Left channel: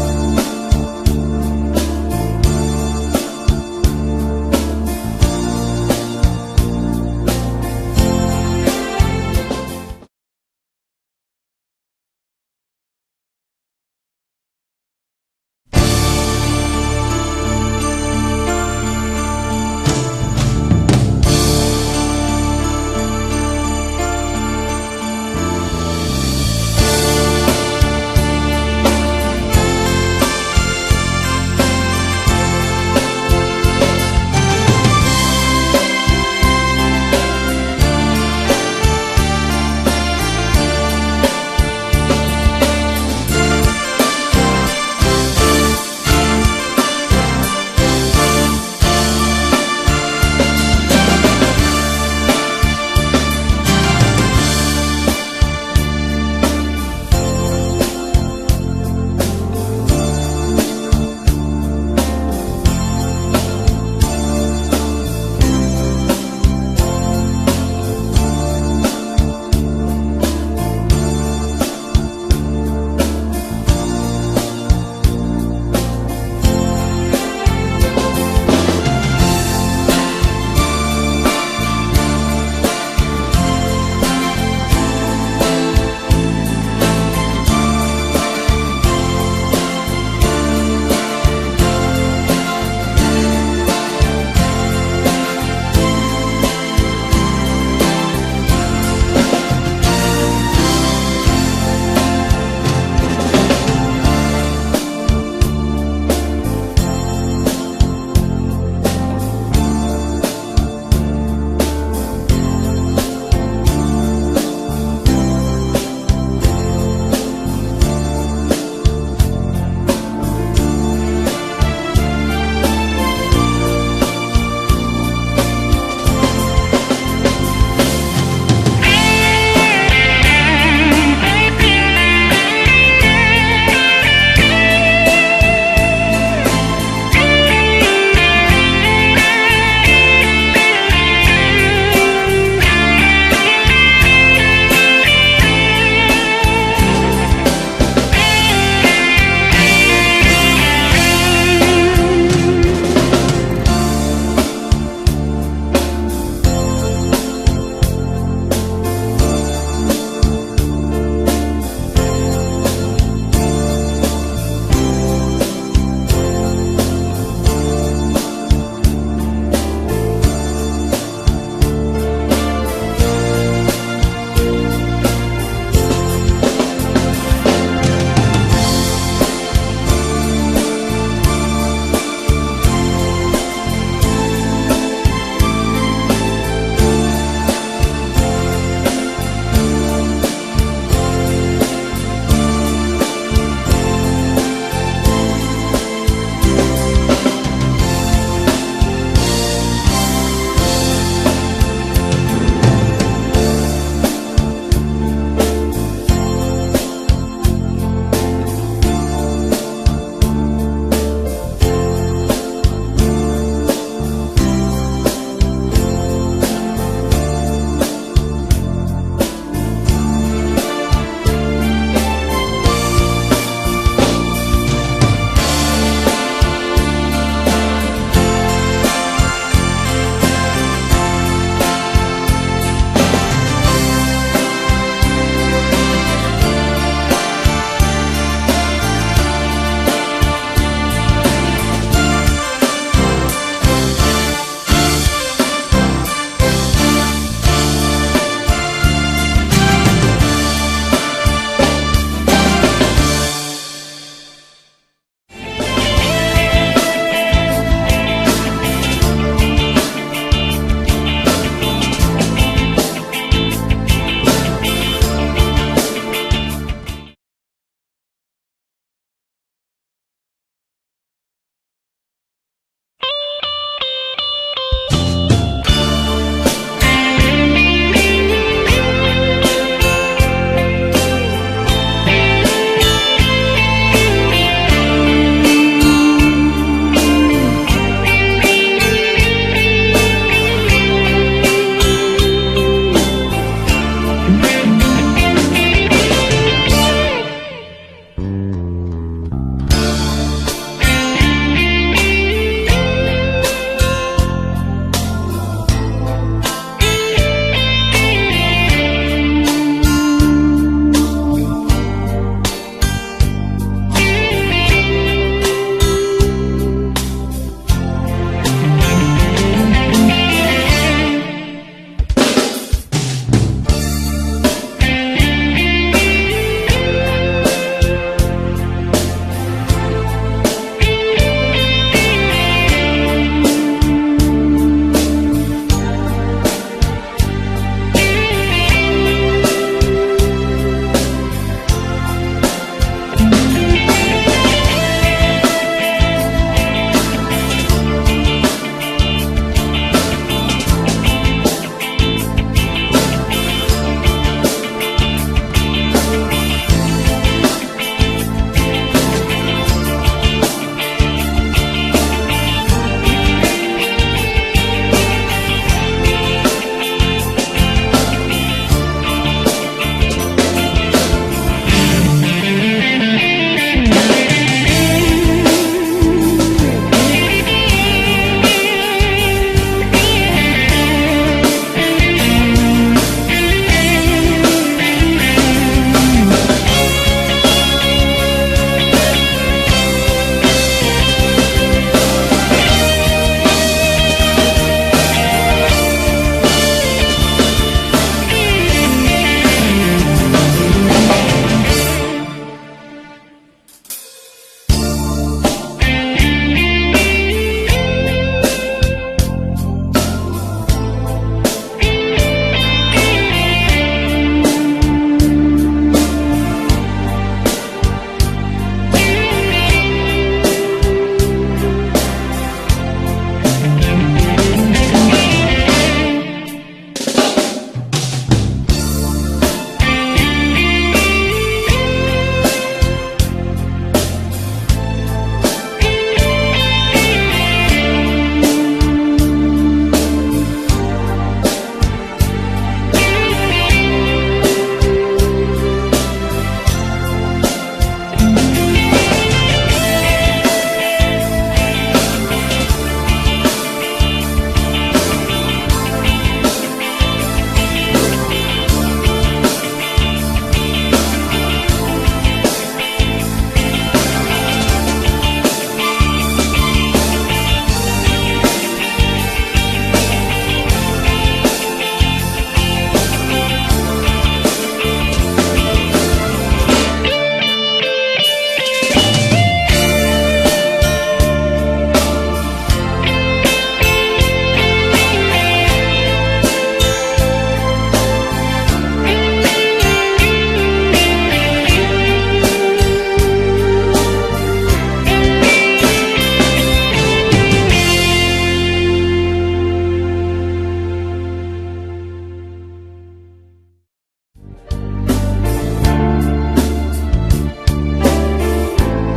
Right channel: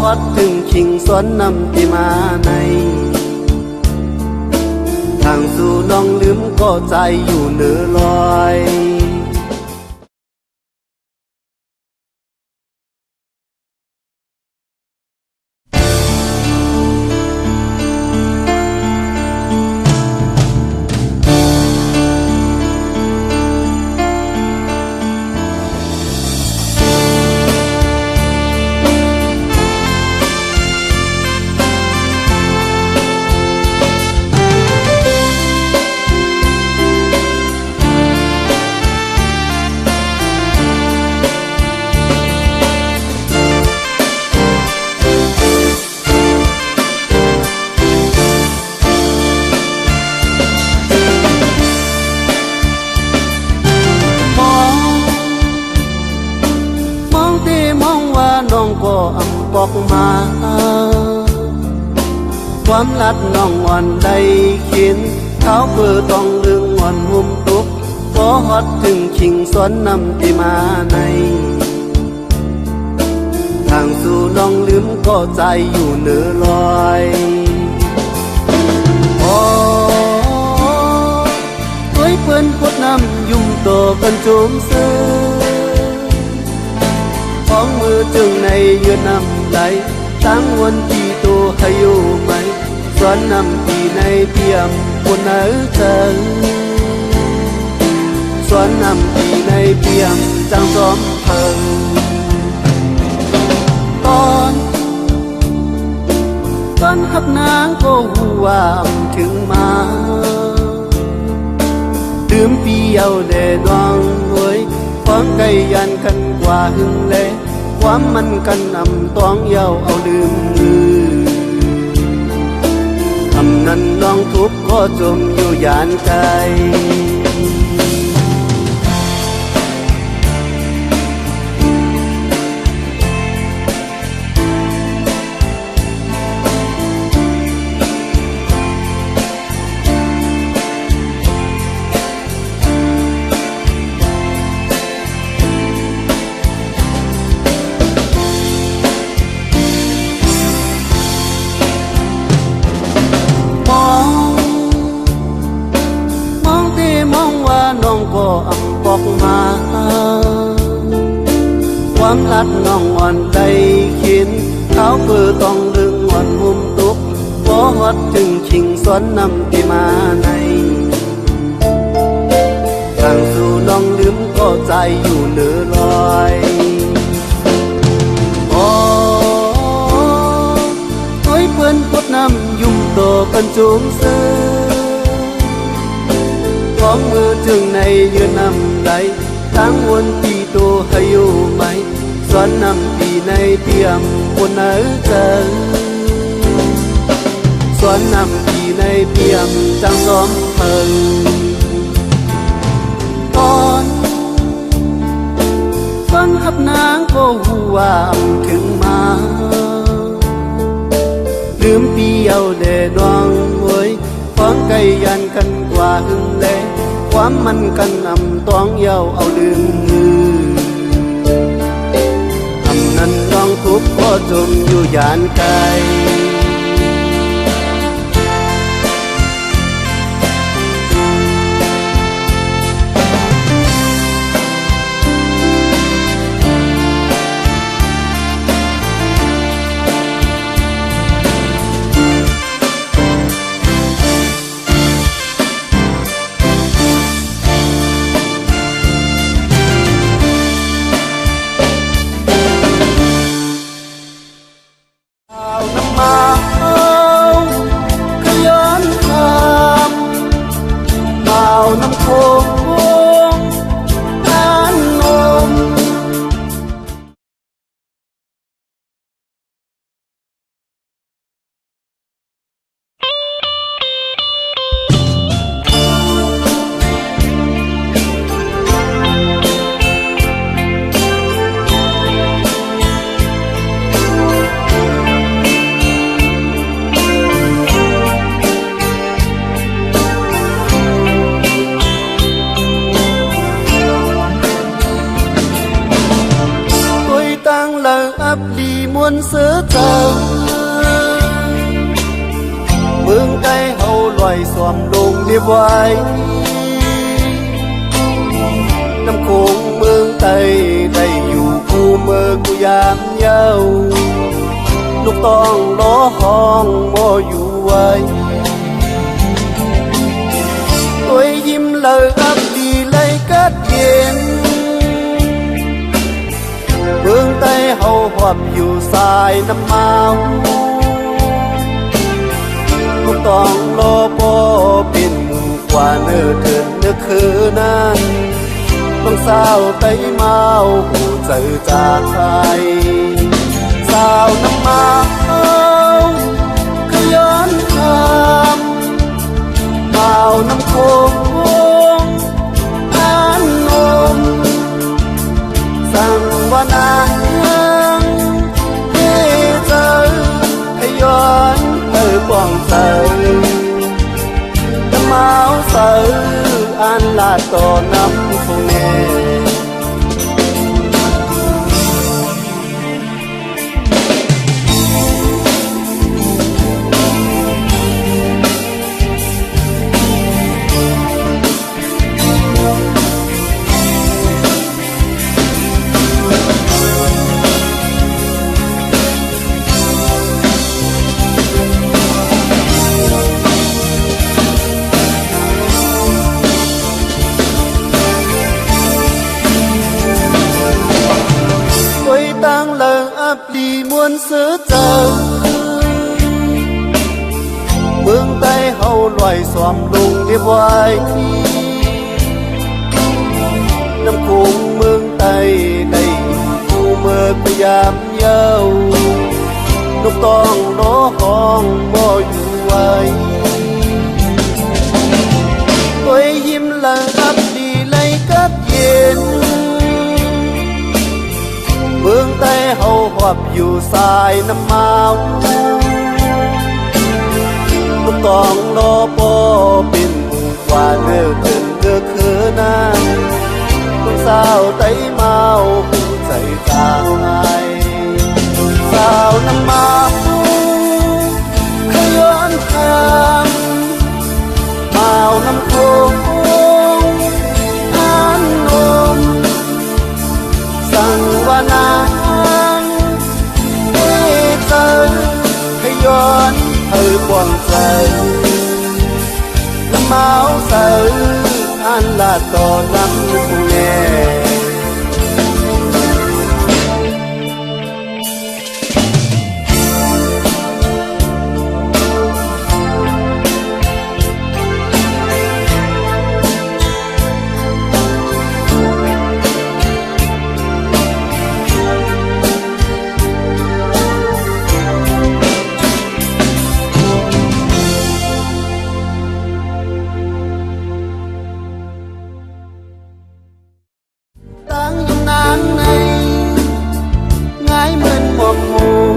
ฮอดถึงชิงสวนนำที่มาในทางสู่น้องลืมก็ใจอยู่เหนือลอยความรักน้องอ่อนได้กินเขาเพื่อต้องดึงอ่อนหุ้มทุกบ่ฮอดถึงชิงสวนนำที่มาในทางสู่น้องลืมก็ใจอยู่เหนือลอยโอ้ยเพิ่นพูดน้ำยุ่งโตเพิ่นจุกซื้อของมือถึงในยืนน้ำใจทั้งวันที่ตัวให้อยู่ไปสวนนำที่ในเพียงคนเอ๋เกินสวนนำที่ในเพียงจังสมเพิ่งตอนขับนางก็หูว่าถึงมาดื่มเปียวเดน้องเอ้ยความไกลยันกันกว่าหึงเลยความมันกันนำต้องเย้าเอาลืมคำนั้นน้องทุกข์ก็จมอยู่ยานใจความรักน้องอ่อนใจกินเขาเพื่อต้องดึงอ่อนหุ้มทุกบ่ฮอดถึงชิงสวนนำที่มาในทางสู่น้องลืมก็ใจอยู่เหนือลอยโอ้ยเพิ่นพูดน้ำยุ่งโตเพิ่นจุกซื้อของมือถึงในยืนน้ำใจทั้งวันที่ตัวให้อยู่ไปสวนนำที่ในเตียงคนเอ๋เกินสวนนำที่ในเตียงจังสมเพิ่งอ่อนฟังขับนางก็หูว่าถึงมาลืมเปียวเดน้องเว้ยความไกลยันกันกว่าหึงเลยความมันกันนำต้องเย้าเอาลืม ấp đi muôn xứ thơ mương cây hậu loài xòm đồn đi vai năm cuồng mương tây đầy dù u mơ của giang nhau lúc toàn đó con mô dù ai tôi im lời ấp đi lấy kết duyên mương tây hậu hoạp dù dài năm mau lúc toàn đó bó bình qua nửa đợt nước khứ nan năm sao tây mau dậy ra ai sao năm mau cứ ơn thầm vào năm khôn an ôm rằng qua nàng thế giới hay ơn từ quảng trời năm áo sợi an là tổ năm nghe tôi đang lờ ấp đi muôn xứ chờ mương tây hậu loài xòm đùng đi vai năm cuồng mương tây đầy u mơ của giang nhau lúc toàn đó con mô dù ai tôi im lặng ấp đi lấy kết duyên mương tây hậu hoạp dù dài năm mau lúc còn đó bó bình qua nửa đợt nước khứ nan năm sao tây mau dậy ra ai sao năm mau cứ ơn thầm vào năm khôn an ôm rằng qua nàng thế giới hay ơn ở quảng trời năm áo sợi an là tổ năm nghe Tang dung nang này ngái mơn mồm mù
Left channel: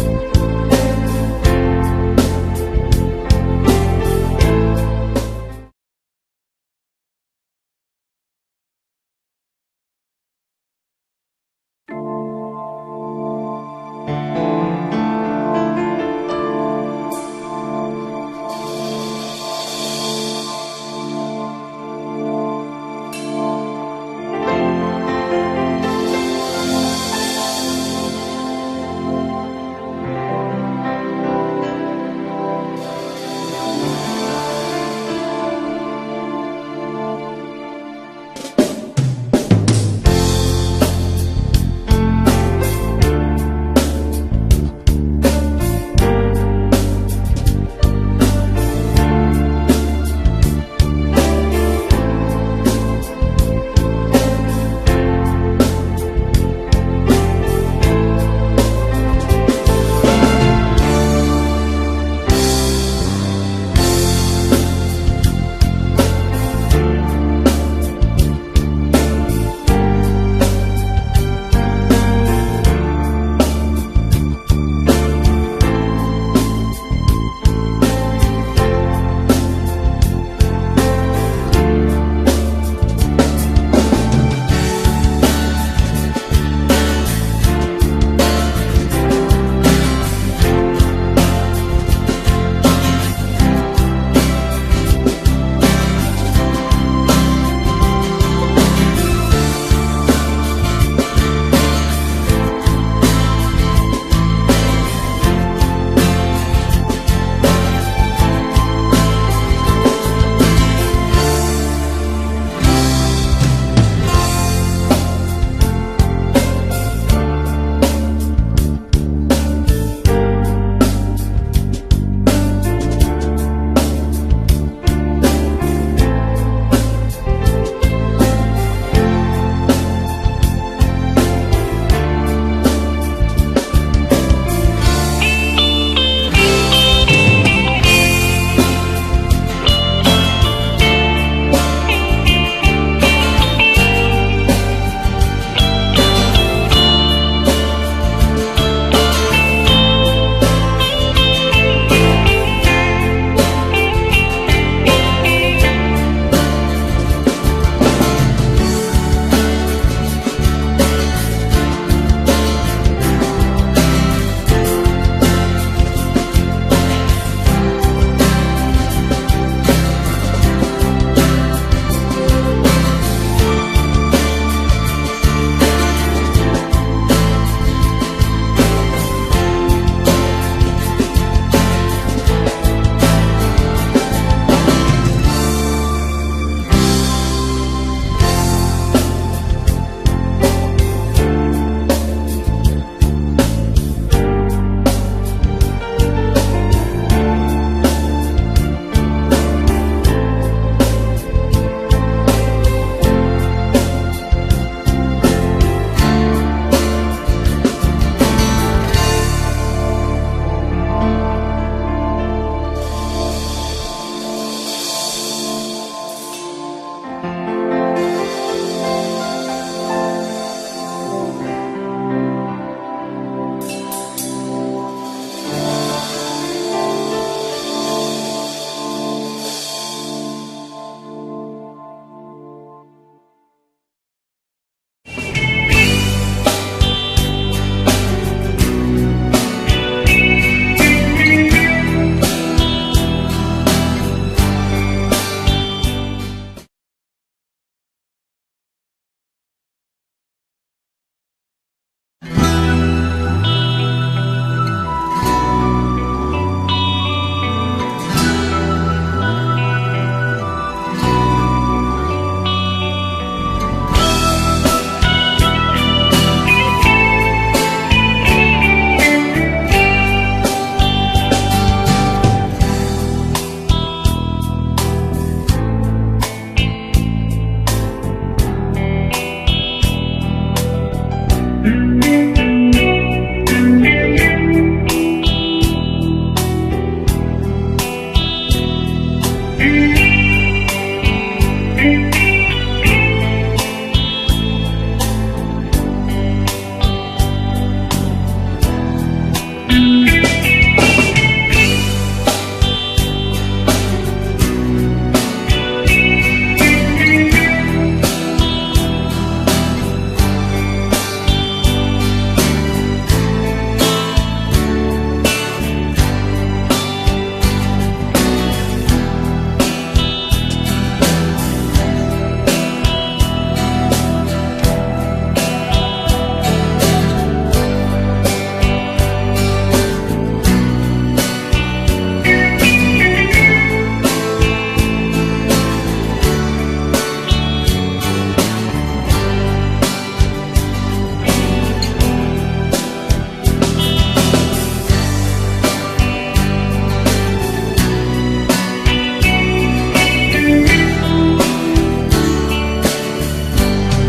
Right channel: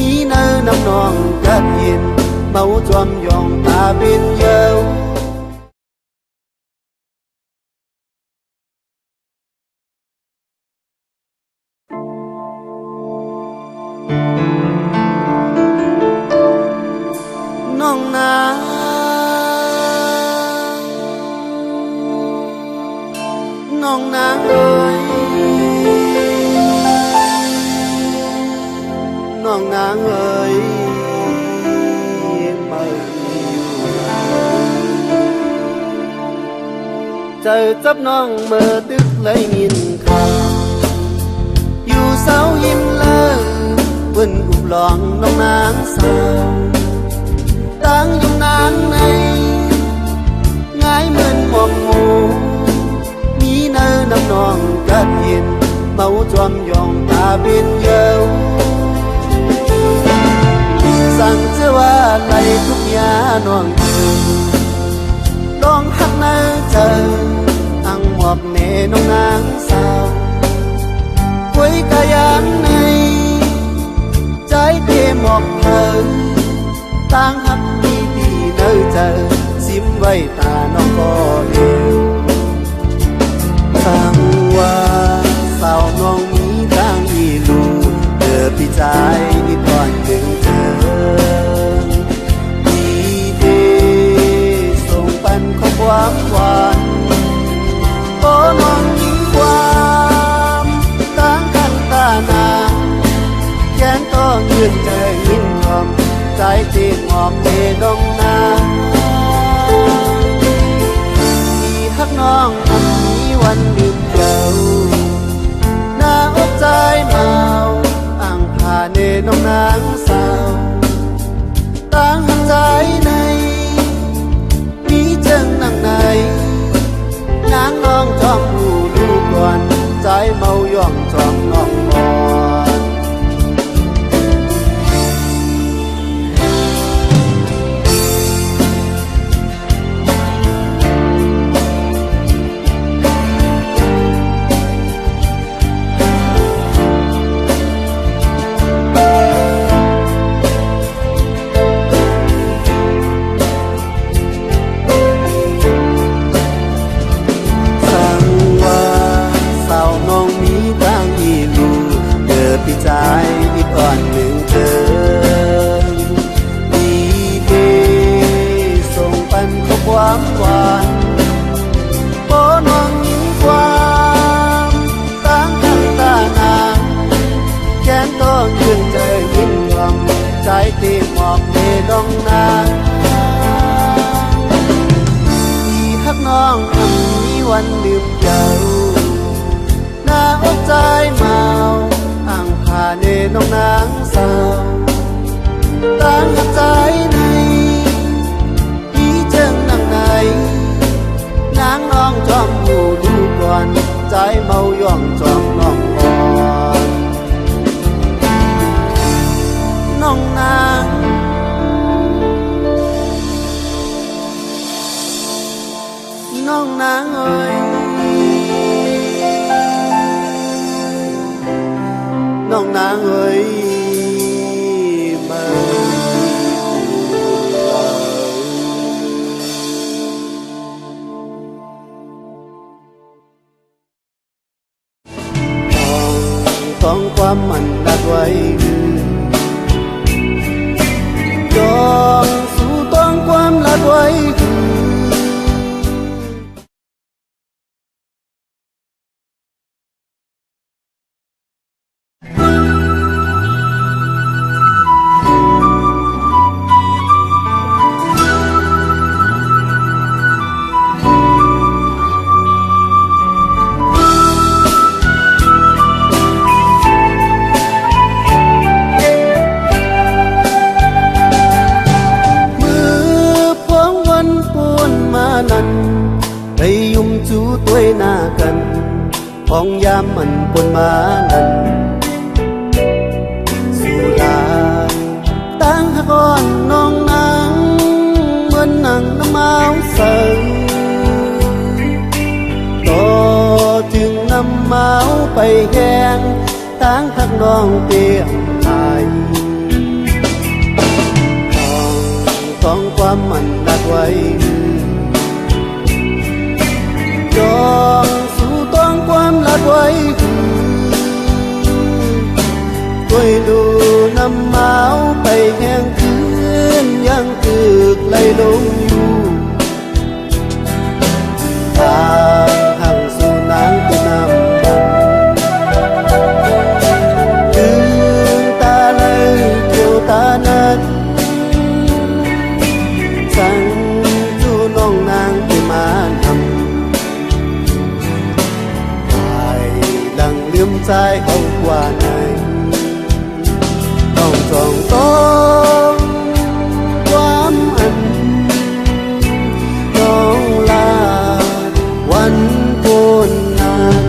ý nơ nông nòng chất hiền mẫu chom dòng ta bên nhau nong na nong nang ơi nong nang ơi trời chấp nong mơ tức lấy nhìn thà dù sao im lơ quên ụp loạn nong nang sơ tang dung nang này ngái mơn mồm mù ý nơ năm nòng kết hiền mẫu chom dòng ta bên nhau rằng chưa qua lại khúc nhà non đón khắp nơi chờ ăn hoặc mẹ nông nắng sao với ca giang này trái tim một thờ tan hấp đi vì nơi chờ xếp vây ta nó có đều sang qua sao ngon đang đi lùi น้องนางเอ้ยมาของความมันรักไว้ยอมสู่ต้องความรักไว้ มือพวงวันปูนมานั้นได้ยุ่มจูต้วยหน้ากันของยามมันปนมานั้นสุราตั้งหากอนน้องนางเหมือนนางน้ำมาใส่ต่อจึงนำเมาไปแห้งตั้งทักน้องเตียงไทย ของความมันรักไว้ยอมสู่ต้องความรักไว้ด้วยดูน้ำเมาไปแห้งคืนยังตึกไหลลงอยู่ทางห่างสู่นางนำลืมตาเลยเกี่ยวตานั้น ฉันอยู่น้องนางมาทำให้ดังลืมใจเอาว่าไงต้องต้องความอันต้องลาวันโคนนั้น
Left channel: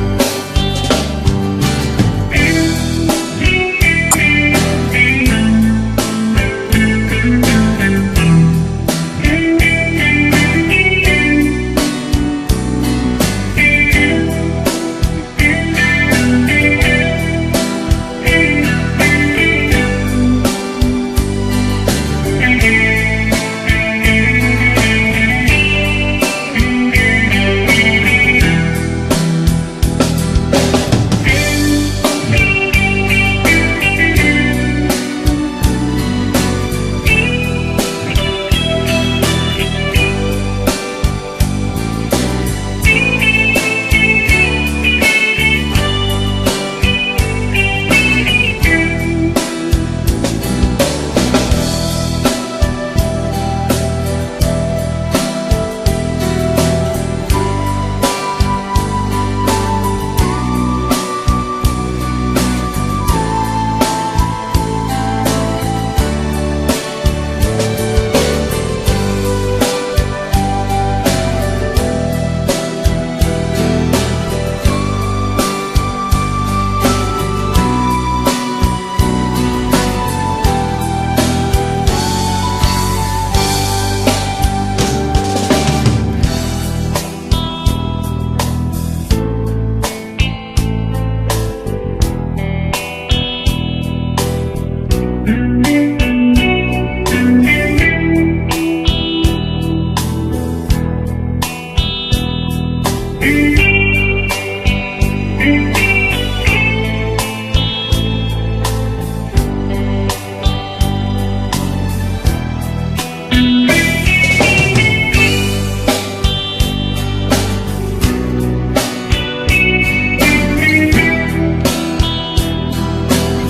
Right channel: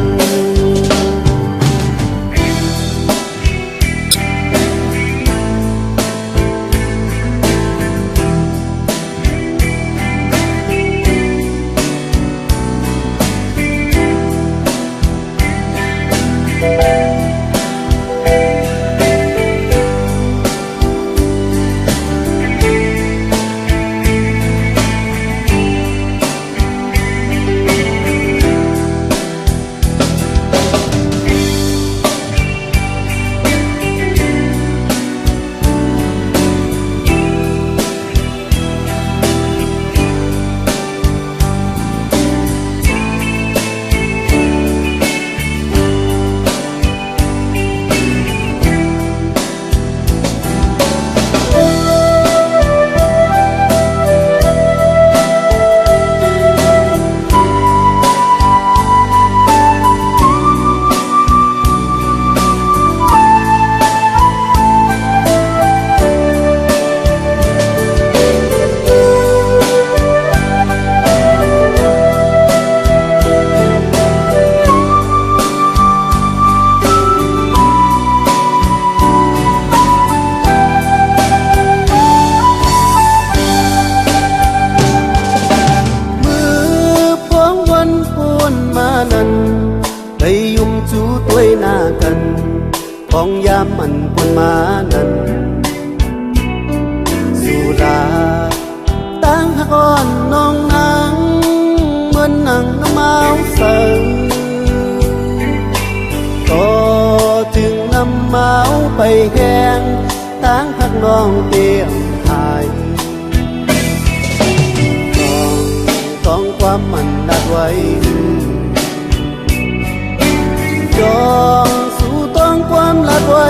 ยอมสู่ต้องความรักไว้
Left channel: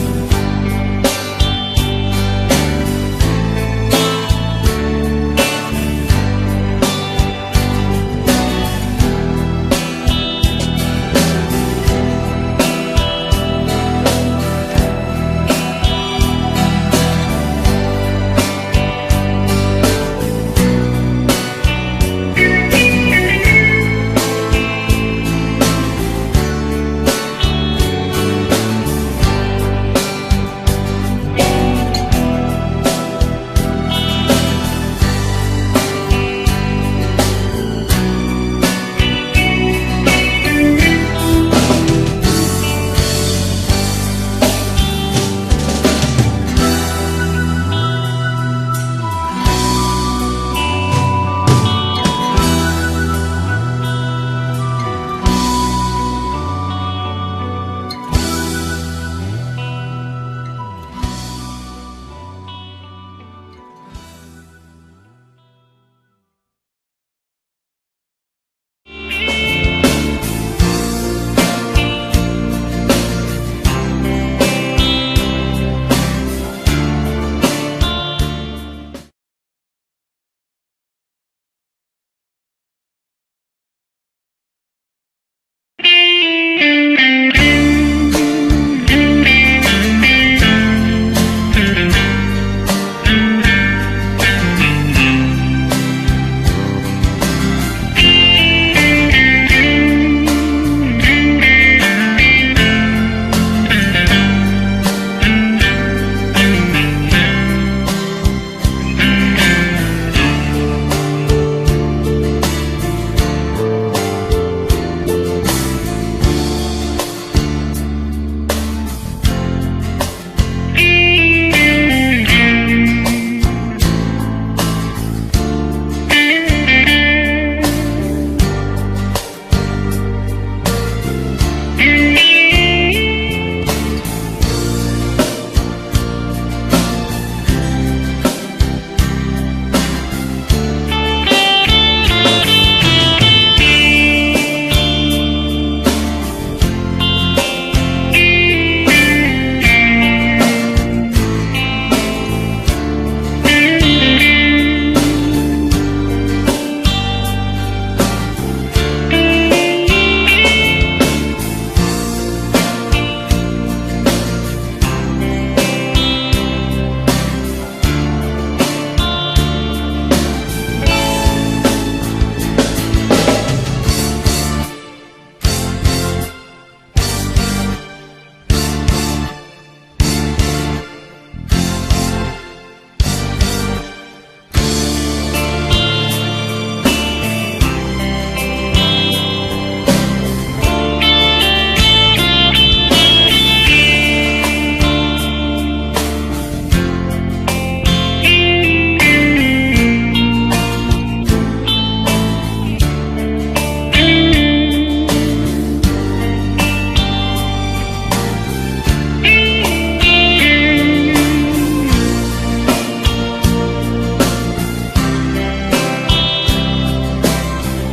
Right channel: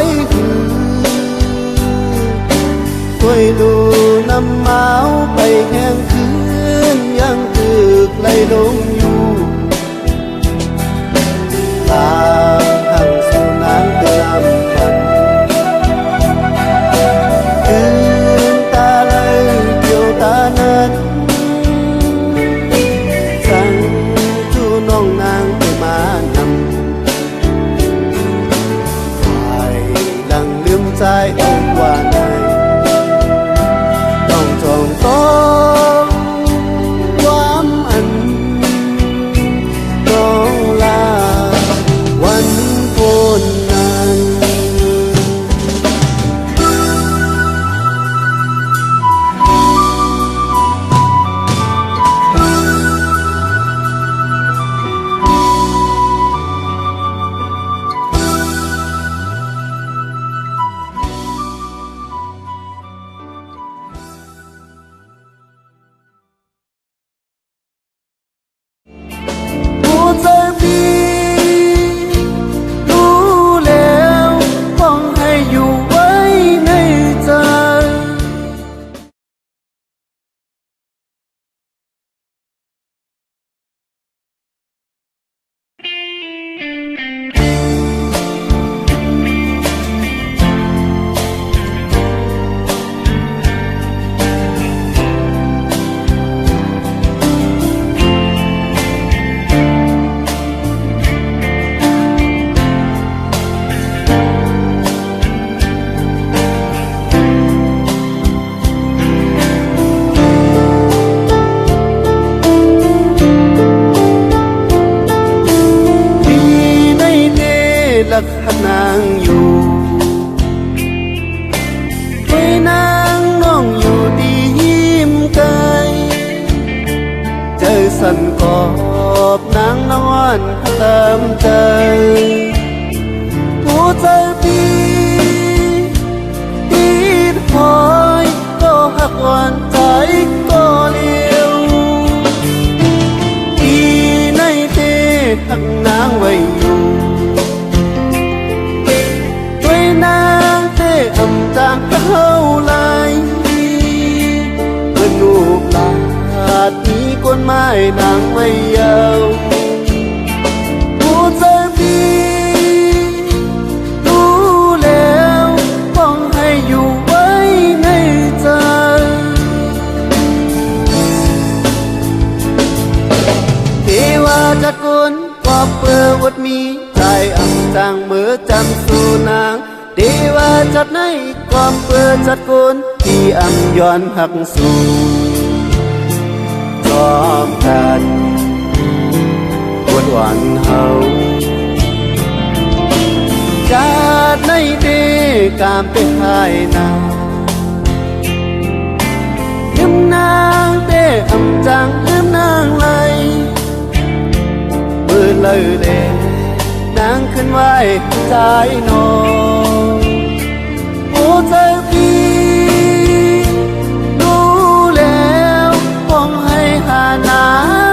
จัดในความเปิดจัดโกนที่อังย้อนหักสู่ขอบกันปวดหวานเฮาจากในนี้กามเป็นภายนาลืมนางเต้คำจังลืมนางไหลมือเลยเล่นางขึ้นไหวใจนอนโอ้เธอพี่รู้แล้วมองให้หานา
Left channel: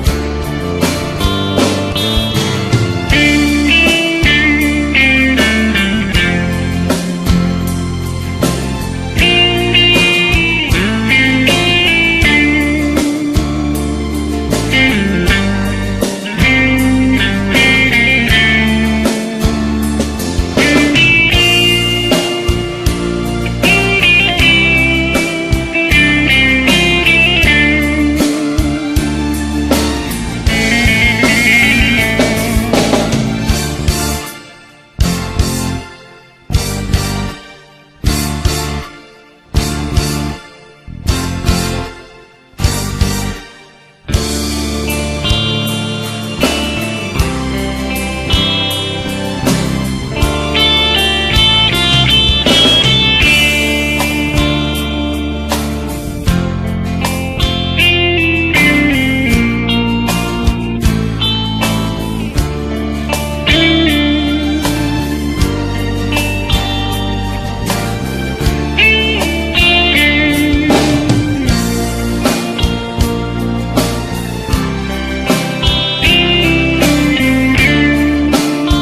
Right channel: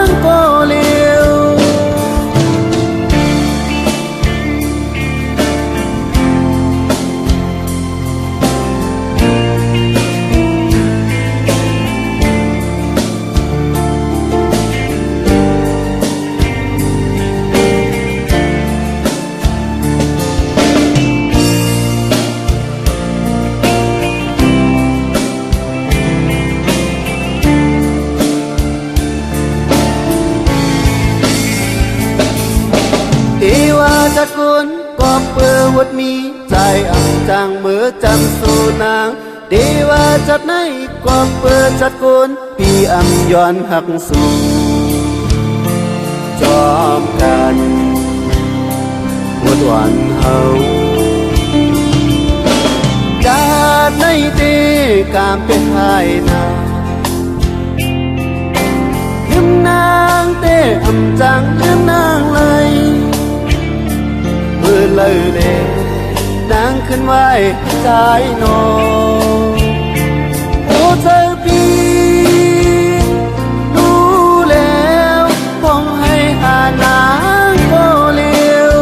งก็เลี้ยวมีใจอังจางเมื่อจำสู่นางดีว่าจัดในความเปิดจัดโกนพี่อังย้อนหักสู่จอมกันหมดวันเฮาจากในนี้กามเป็นภายนาลืมนางเต้อังจางลืมนางเลยมือเลยขึ้นไหวใจนอนโอ้เธอพี่รู้แล้วมองให้หานางก็เลี้ยว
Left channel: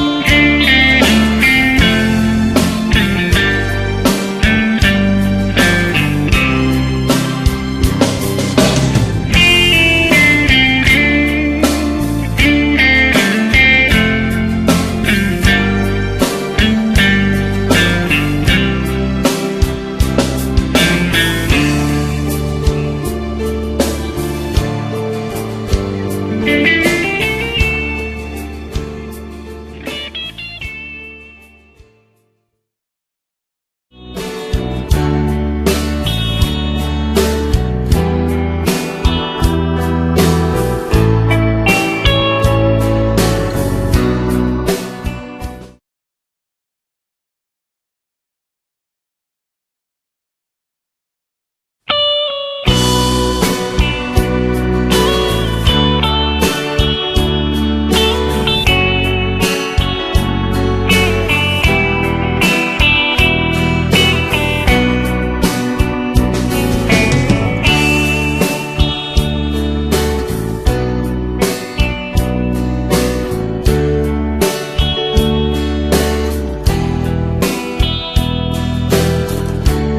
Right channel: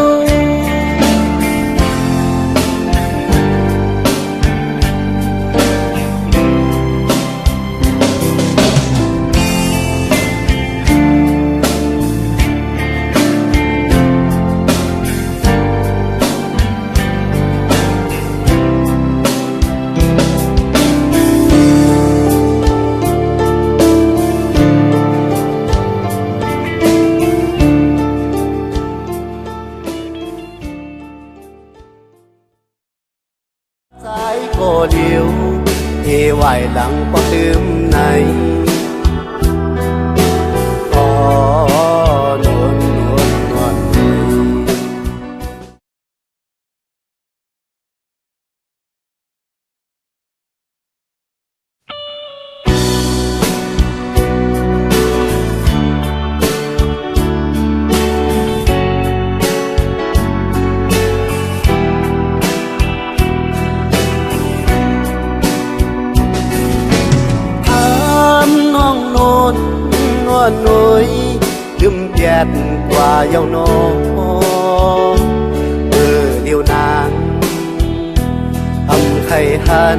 เดียวเทไหวดังปอลืมในกว่าเยาวนองเดียวนานทำไข่หัน